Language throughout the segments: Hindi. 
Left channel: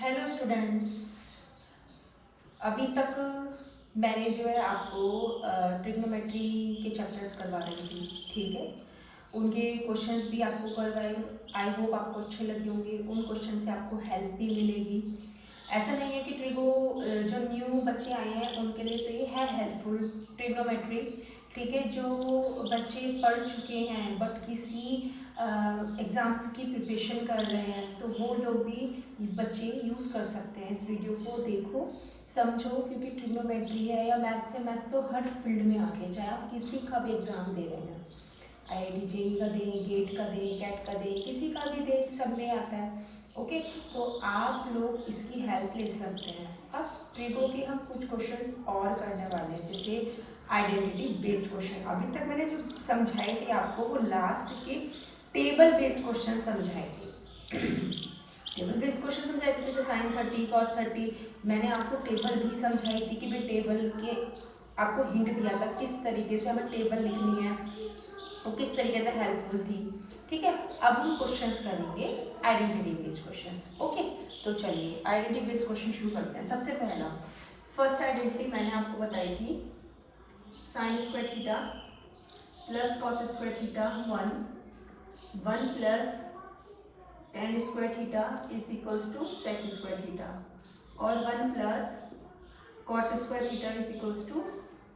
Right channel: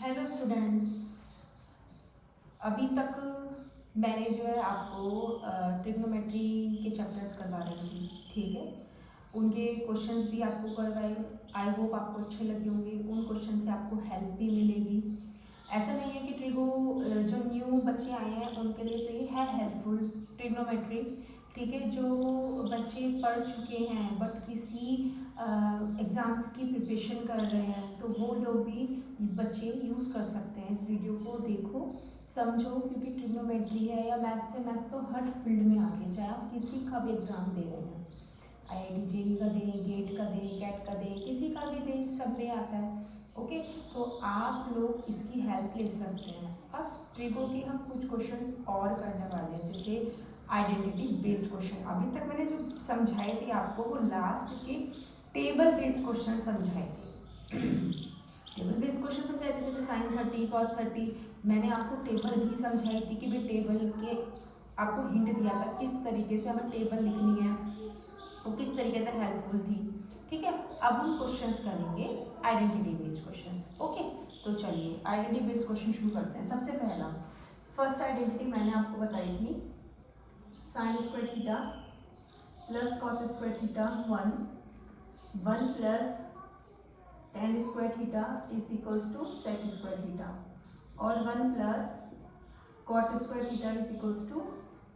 Hello students. अभी तक मैंने जो है आपको ट्रिग्नोमेट्री के चैप्टर्स करवा रही थी, ठीक है। उनके क्वेश्चंस भी आपको करवाए। आई होप आपको अच्छे लगे होंगे। उन क्वेश्चन से आपको हेल्प भी मिलेगी। ऐसा नहीं है कि जो न्यू बच्चे आए हैं उनके लिए तो ये है हेल्पफुल ट्रिग्नोमेट्री, ठीक है। जो बच्चे पढ़ चुके हैं बट किसी एग्ज़ाम्स की प्रिपरेशन कर रहे हैं तो वो लोग भी बच्चे यूज़ कर सकते हैं। इस वीडियो को देखो, समझो, क्योंकि ट्रिग्नोमेट्री है या मैथ से मैथ तो हर फील्ड में आती है, चाहे आप किसी का भी एग्ज़ाम दे रहे हैं, IIT JEE का दें, गेट का दें, कैट का दें, किसी का भी दें, सब में आता है। ओके, तो आप लोग इसकी हेल्प ले सकते हैं। अब ट्रिगो के हम कुछ क्वेश्चंस और करने वाले हैं, जैसे आइडेंटिटी बेस्ड क्वेश्चन। अभी तक मैंने जो समझाए थे आपको वो लास्ट के टेबल बेस्ड क्वेश्चन समझाए थे। टेबल बेस्ड क्वेश्चन समझाए थे, जैसे साइन 30 कॉस 30। मैंने आपको टेबल भी समझाई थी कि भाई टेबल के आपको हिंट दिया था किस तरीके से हमें टेबल लिखनी है, वो किस तरीके से हेल्पफुल थी, ठीक है। अब हम क्वेश्चंस करेंगे आइडेंटिटी बेस्ड क्वेश्चंस। ओके, तो चलिए आइडेंटिटी बेस्ड क्वेश्चन शुरू करते हैं। सबसे पहला फर्स्ट आइडेंटिटी मैंने आपको बताई थी, sine square theta plus cos square theta 1 plus tan square theta is equals to sec square theta, और 1 plus cot square theta is equals to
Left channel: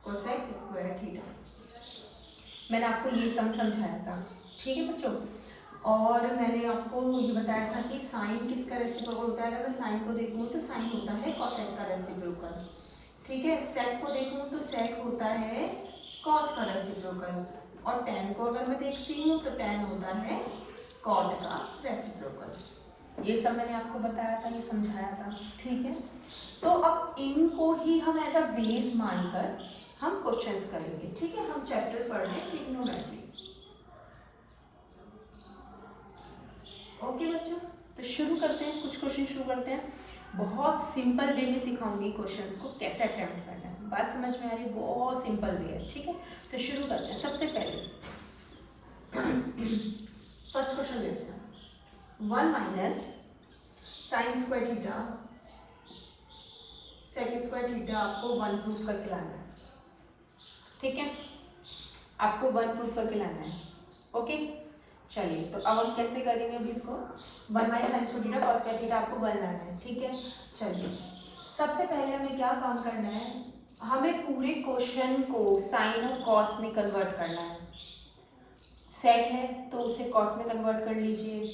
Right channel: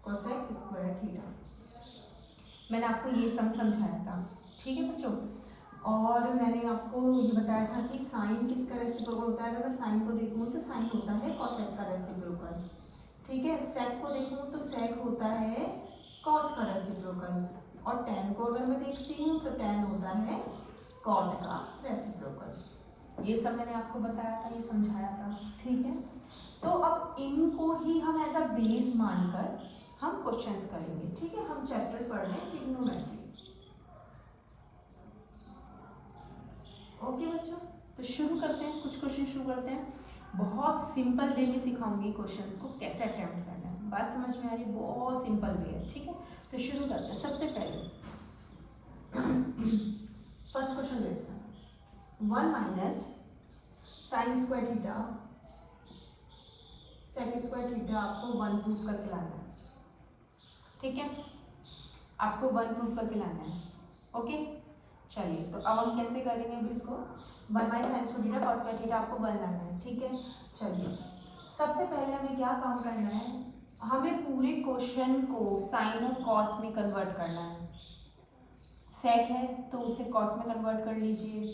cosec square theta. मैंने आपको ये समझाया था, ठीक है बच्चों। और मैंने आपको ये बताया था कि साइन किसका रेसिप्रोकल होता है। अगर मैं साइन को देखूँ तो साइन होता है कॉसेक का रेसिप्रोकल, ठीक है। सेक को देखूँ तो सेक होता है कॉस का रेसिप्रोकल, और टेन को अगर मैं देखती हूँ तो टेन होता है कॉट का रेसिप्रोकल। ये सब मैंने आपको बताया था, ये समझाया था, ठीक है। तो अब इनको ही हम एज अ बेस मानकर हम क्वेश्चंस करेंगे, ठीक है। हम चैप्टर पढ़ रहे हैं ट्रिग्नोमेट्री। ओके बच्चों, तो शुरू करते हैं, कुछ क्वेश्चन शुरू करते हैं। बहुत सिंपल वे में सिखाऊंगी क्वेश्चंस को कैसे अटेम्प्ट करना है। बात समझ में आ रही है? बहुत सिंपल वे है, ठीक है। तो शुरू करते हैं। सबसे पहले फर्स्ट क्वेश्चन लेते हैं, 1 minus sine square theta sec square theta आपको 1 प्रूफ करके लाना है, ठीक है। आपको 1 प्रूफ करके लाना है, ओके। चलिए, तो अब हम कैसे करेंगे अब इसको। 1 minus sine square theta cos square theta आपको 1 लाना है, ठीक है। चलिए, सबसे पहले हमें क्या काम करना है, हमें पूरे क्वेश्चन को साइन और कॉस में कन्वर्ट करना है। सेक है तो उसे कॉस में कन्वर्ट कर लीजिए,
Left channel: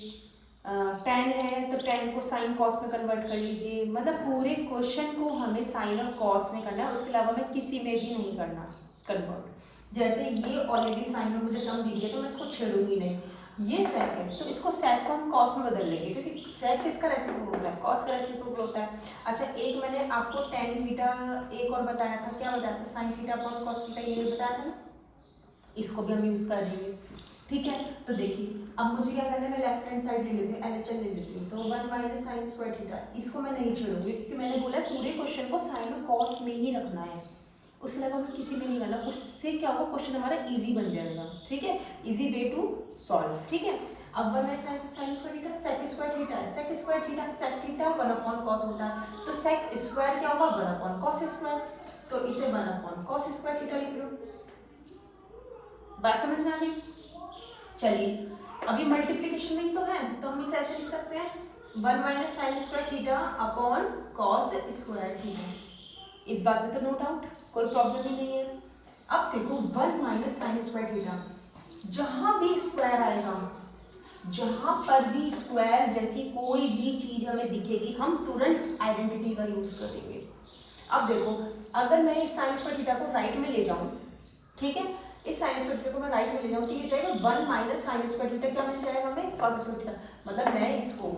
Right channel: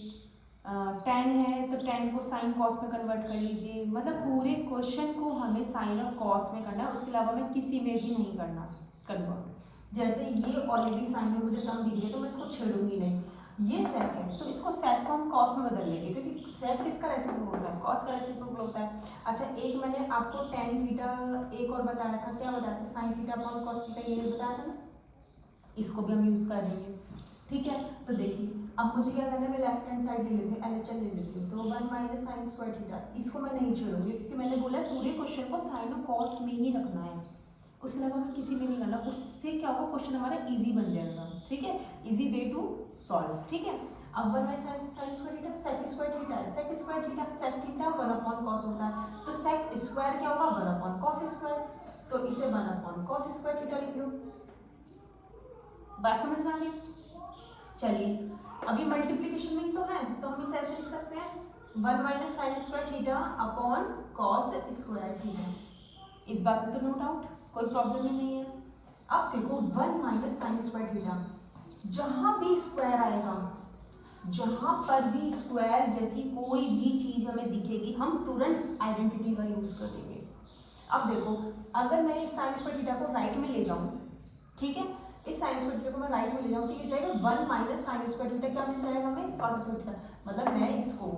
टेन है तो टेन को साइन कॉस में कन्वर्ट कर लीजिए। मतलब पूरे क्वेश्चन को हमें साइन और कॉस में करना है, उसके अलावा हमें किसी में भी नहीं करना कन्वर्ट। जैसे ये ऑलरेडी साइन में मुझे टर्म दी है तो मैं इसको छेड़ूंगी नहीं। ये सेक है तो इसको सेक को हम कॉस में बदल लेंगे, क्योंकि सेक किसका रेसिप्रोकल होता है, कॉस का रेसिप्रोकल होता है। अच्छा, एक मैंने आपको टेन थीटा एक और बताया था, क्या बताया था, sine theta upon cos theta, ये बताया था ना। इसको भी हम यूज कर देंगे, ठीक है। तो देखिए, अब मुझे क्या करना है, मैं लेफ्ट हैंड साइड ले लेती हूँ, LHS ले लेती हूँ। तो 1 माइनस साइन स्क्वायर थीटा, इसको मैं नहीं छोड़ूंगी, क्योंकि मैंने बोला पूरे क्वेश्चन को साइन और कॉस में ही रखना है, उसके अलावा हमें किसी में नहीं करना। उससे क्या होगा, क्वेश्चन हमारा इजी बन जाएगा, ठीक है। इजी वे टू सॉल्व, ठीक है। अब 1 minus sine square theta sec square theta है, sec square theta sec theta 1 upon cos होता है, तो सेक स्क्वायर क्या होगा, 1 अपॉन कॉस स्क्वायर, तो इसे 1 अपॉन कॉस स्क्वायर थीटा लिख लो। बात समझ में आ गई? चलिए, अभी मल्टीप्लीकेशन में ही तो है, तो हम इसे ऐसे लिख सकते हैं 1 minus sine square theta upon cos square theta. इस बात में तो नो डाउट, कोई प्रॉब्लम ही नहीं है। अब देखो 1 माइनस साइन स्क्वायर थीटा, जहां भी स्क्वायर आएगा, जहां पर भी स्क्वायर जैसी कोई भी चीज हमें दिखेगी, हम तुरंत आइडेंटिटी का यूज करेंगे। अब देखो, अगर मैं इस साइन स्क्वायर थीटा को राइट में ले जाऊं, ठीक है, इस साइन स्क्वायर थीटा को मैं राइट में ले जाऊं तो ये जाएगा 1 माइनस साइन स्क्वायर थीटा, क्या मिल जाएगा हमें, कॉस स्क्वायर थीटा। मतलब मैं इसको,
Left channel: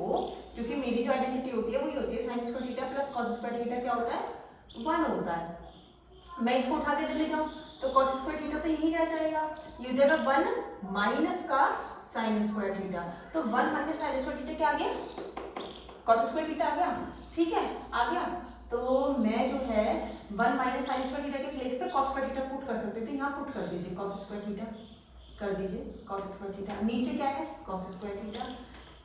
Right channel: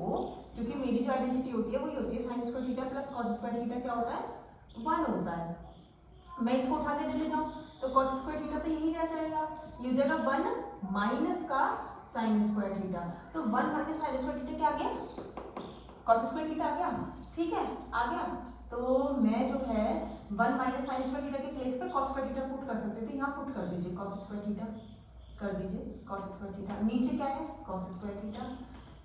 क्योंकि मेरी जो आइडेंटिटी होती है वही होती है sign square theta plus cos square theta, क्या होता है, 1 होता है। मैं इसको उठा के ले जाऊं तो कॉस स्क्वायर थीटा तो यही रह जाएगा, ये हो जाएगा 1 माइनस का साइन स्क्वायर थीटा। तो 1 माइनस साइन स्क्वायर थीटा क्या आ गया, कॉस स्क्वायर थीटा आ गया, ठीक है, आ गया। तो मैं जो है 1 माइनस साइन स्क्वायर थीटा के प्लेस पे कॉस स्क्वायर थीटा पुट कर सकते थे, यहाँ पुट कर दीजिए कॉस स्क्वायर थीटा, कर दीजिए कॉस स्क्वायर थीटा, नीचे क्या है, कॉस स्क्वायर थीटा,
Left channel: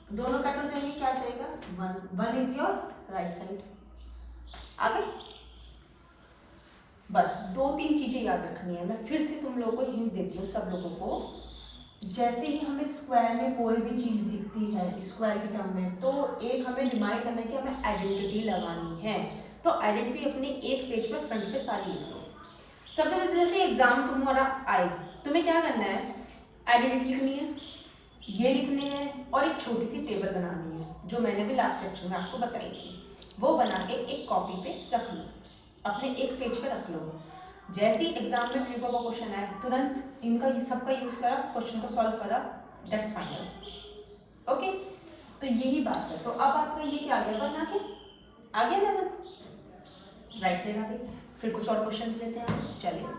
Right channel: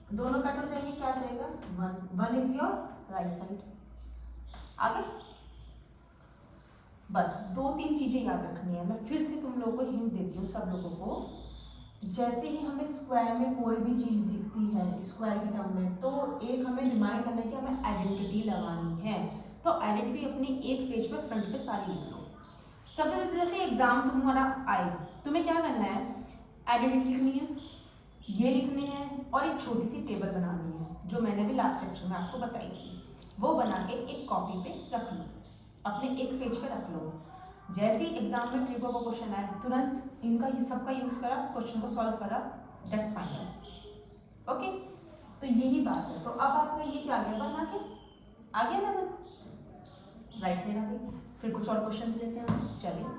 दोनों कट हो जाएंगे, क्या जाएगा 1, 1 इज योर राइट साइड। आगे बस 2-3 चीजें याद रखनी है। मैं फिर से तुम लोगों को हिंट देती हूँ सब लोगों को। जैसे ही हमें स्क्वायर में कोई भी चीज दिखती है स्क्वायर के टर्म में, तो एक हमें रिमाइंड करना है कि हमें आइडेंटिटी लगानी है। तो आइडेंटिटी अपने एक पेज पर फ्रंट पे सारी लिख लो। सबसे पहले जैसे एग्जाम तुम्हारा आए, तुम्हें क्या करना है, आइडेंटिटी लिखनी है, ये लिखनी है और एक छोटी सी टेबल बनानी है जो मैंने भी लास्ट लेक्चर में आपको बताई थी। वो बना के एक कॉपी पे रख लो, अपने एक पेज पे रख लो। जैसे ही एग्जाम में प्रीको का क्वेश्चन आए तुरंत इनका सबका यूज करा, क्वेश्चन को सॉल्व करा, दैट्स फाइनल। ओके, तो यही बात है। तो अब आपका ये क्या आ गया, बन आ गया ना, राइट साइड आ गई। फिर कुछ और क्वेश्चन लेते हैं, चलिए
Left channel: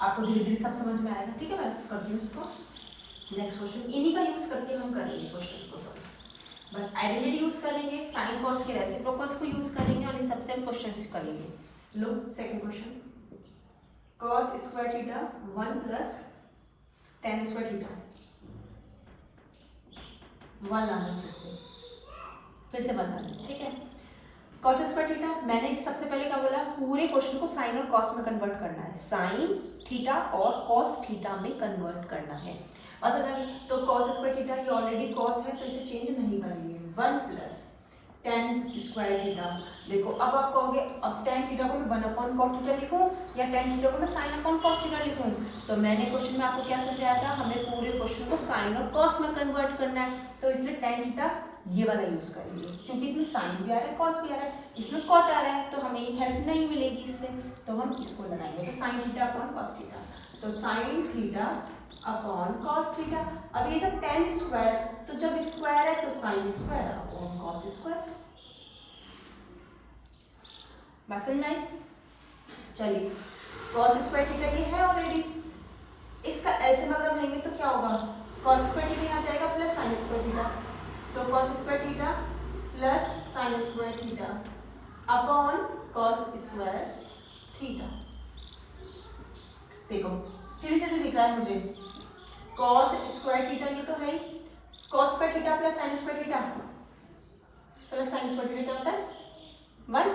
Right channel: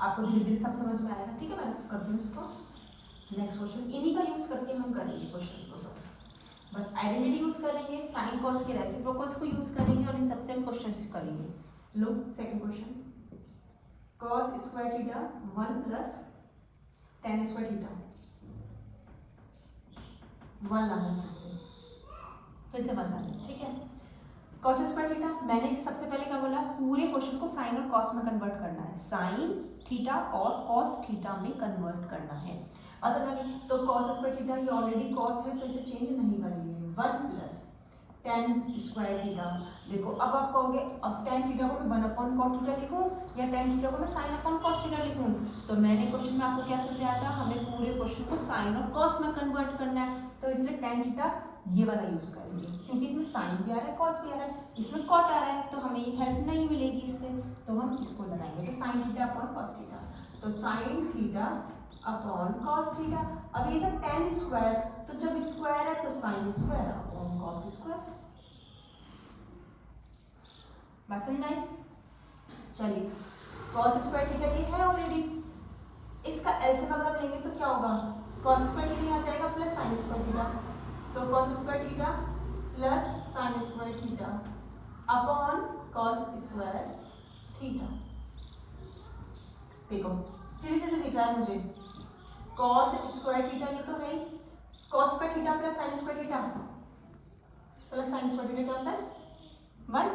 आपको धीरे धीरे सब समझ में आएगा। ठीक है, मैं करती हूँ इसको। नेक्स्ट क्वेश्चन इन्हीं का यूज करके हम करेंगे क्वेश्चन को सॉल्व। बस आइडेंटिटी यूज करेंगे, साइन कॉस के रेसिप्रोकल्स को यूज करेंगे और इन सबसे हम क्वेश्चन करेंगे। लो second question, cos square theta 1 plus tan square theta 1 लाना, फिर से 1 लाना। ठीक है, cos स्क्वायर थीटा मैंने सबसे पहले क्या बोला, पूरे क्वेश्चन को साइन और कॉस में कन्वर्ट करना है, साइन थीटा और कॉस थीटा में कन्वर्ट करना है। और समझिए, तो cos स्क्वायर थीटा ये ऑलरेडी cos है तो इसे चेंज नहीं करेंगे। 1 प्लस tan स्क्वायर थीटा, देखो अब आप कहोगे अब tan थीटा को मैं 1 cos थीटा लिखूं या tan थीटा को मैं sin cos थीटा लिखूं। तो मैंने क्वेश्चन में आपको क्या समझाया था, हमें पूरे क्वेश्चन को sin और cos में कन्वर्ट करना है, तो इसलिए tan थीटा ये वाला यूज करेंगे, क्योंकि इसमें sin भी आ रहा है cos भी आ रहा है, इसमें cot आ रहा है, तो हमें ये हेल्प नहीं मिलेगी इससे, तो हम इसको लगाएंगे। तो sin theta upon cos theta, तो sin theta upon cos theta. अब ये जब tan स्क्वायर, तो जब स्क्वायर है तो sin square upon cos square. समझ में आई? चलिए, cos स्क्वायर थीटा ये है ऑलरेडी, इसका एलसीएम अगर हम लेंगे तो क्या होगा, cos स्क्वायर थीटा यहाँ जाएगा प्लस sin स्क्वायर थीटा, तो cos square theta plus sin square theta upon cos square theta. देखो सीधे सीधे दिख रहा है मुझे, cos स्क्वायर थीटा ये तो है, cos square theta plus sin square theta plus sin square theta क्या होता है 1।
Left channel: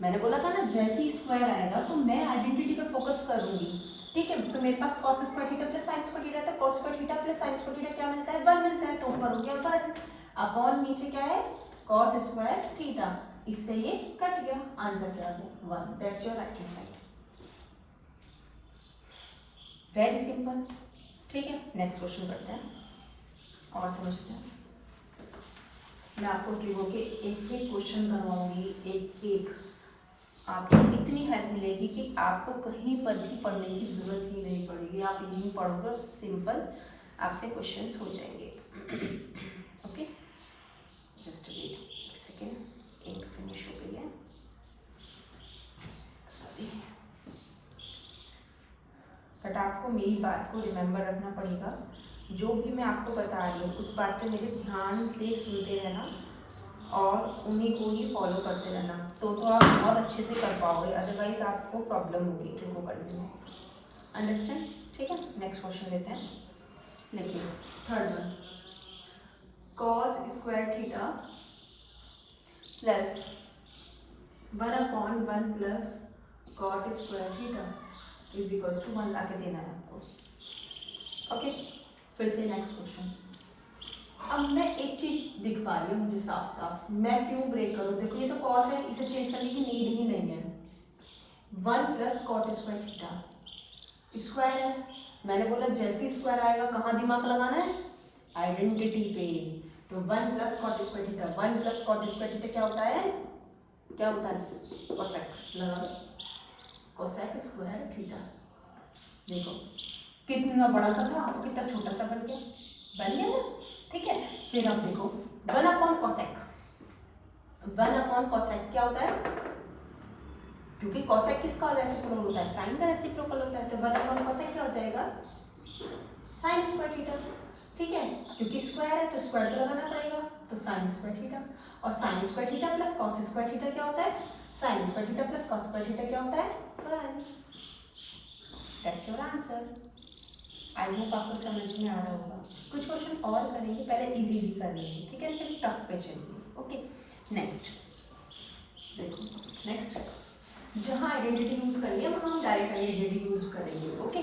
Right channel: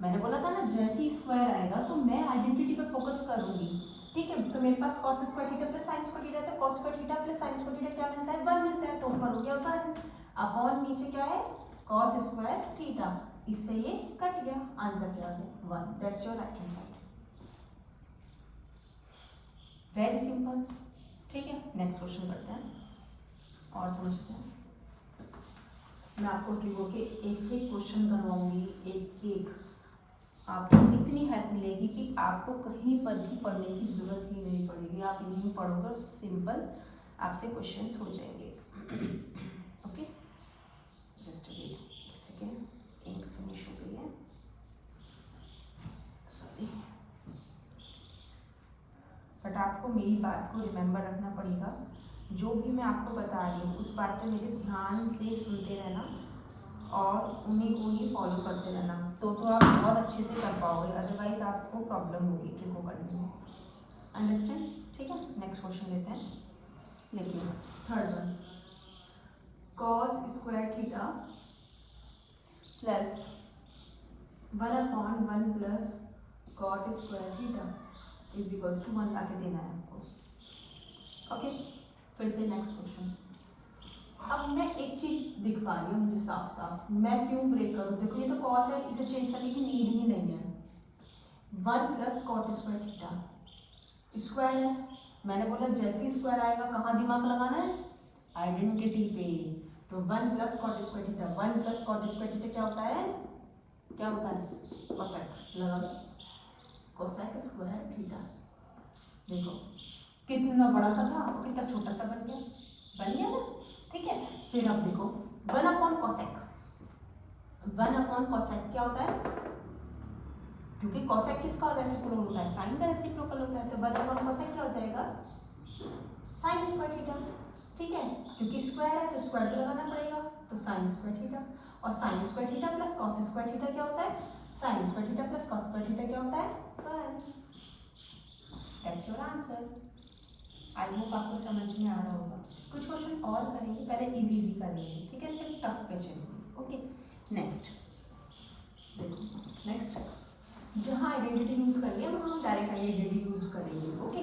मैंने बोला था ना जैसे ही स्क्वायर आएगा तो मैं आइडेंटिटी पे फोकस करूंगी। ठीक है, तो मेरे पास cos square theta plus sin square theta, तो cos square theta plus sin square theta क्या मिलता है 1 मिलता है, तो ऊपर हो गया 1 अपॉन नीचे क्या है cos स्क्वायर थीटा, इससे ये कट गया, आंसर क्या आ गया 1। That's your right hand side, very simple. ठीक है, नेक्स्ट क्वेश्चन करते हैं और समझते हैं। मैं आपको तीनों के एक एक क्वेश्चन करवाऊंगी, एक एक, आपको इतनी हेल्प मिलेगी कि आपको कहीं पर भी पढ़ने की जरूरत ही नहीं पड़ेगी, आप यहीं पढ़ोगे और सिंपल आपसे क्वेश्चंस हो जाएंगे। ओके, जस्ट वेट एक सेकेंड, एक फिनिश हो गई है, सॉरी, बट आपको मेरी बात को रिमेम्बर रखना पड़ेगा, जो भी मैं आपको बता रही हूँ उस बात पे मेरे ध्यान से सुनते रहना और उन्हीं को ही फॉलो करते रहना, तो आप बहुत अच्छे से कर पाओगे, अदरवाइज आपको प्रॉब्लम होगी ट्रिको करने में। अंडरस्टैंड? ठीक है, नेक्स्ट क्वेश्चन लेते हैं। देखिए third one, cos square theta plus 1/1 plus cot square theta is equal to 1 लाके देना है आपको। ओके, फिर से नेक्स्ट क्वेश्चन। अब मैं एक चीज दिख पा रही है मुझे साफ साफ, मैं क्यों ब्रेक करूं, देखो ये तो cos है, इसे चेंज करने की नीड ही नहीं है। 1 plus cot square theta square है, मैंने बोला जैसे स्क्वायर आएगा कहाँ दिमाग लगाना है, आइडेंटिटी पे, तो 1 plus cot square theta, 1 plus cot square theta क्या होता है, क्या होता है कोसेक, लगा कोसेक स्क्वायर थीटा। देखो कितना बड़ा सा था कितना छोटा सा बन गया ना। ठीक है, फिर अब देखो 1/cosec, 1/cosec क्या होता है, क्योंकि cosec किसका रेसिप्रोकल होता है, साइन का रेसिप्रोकल होता है, तो 1/cosec क्या हो जाएगा साइन स्क्वायर थीटा। ठीक है, क्योंकि स्क्वायर है तो स्क्वायर तो लगाना पड़ेगा, तो साइन स्क्वायर थीटा, और sign square theta plus cos square theta क्या होता है, sign square theta plus cos square theta क्या होता है 1। That's your answer. I hope आपको समझ में आ रहा होगा। कुछ क्वेश्चन और करेंगे, पहले इजी कर लेंगे, ठीक है, फिर टफ पे चलिए। ओके, नेक्स्ट देखो, नेक्स्ट जहाँ आइडेंटिटी यूज करेंगे वहाँ हम डायरेक्ट आइडेंटिटी यूज करेंगे। ओके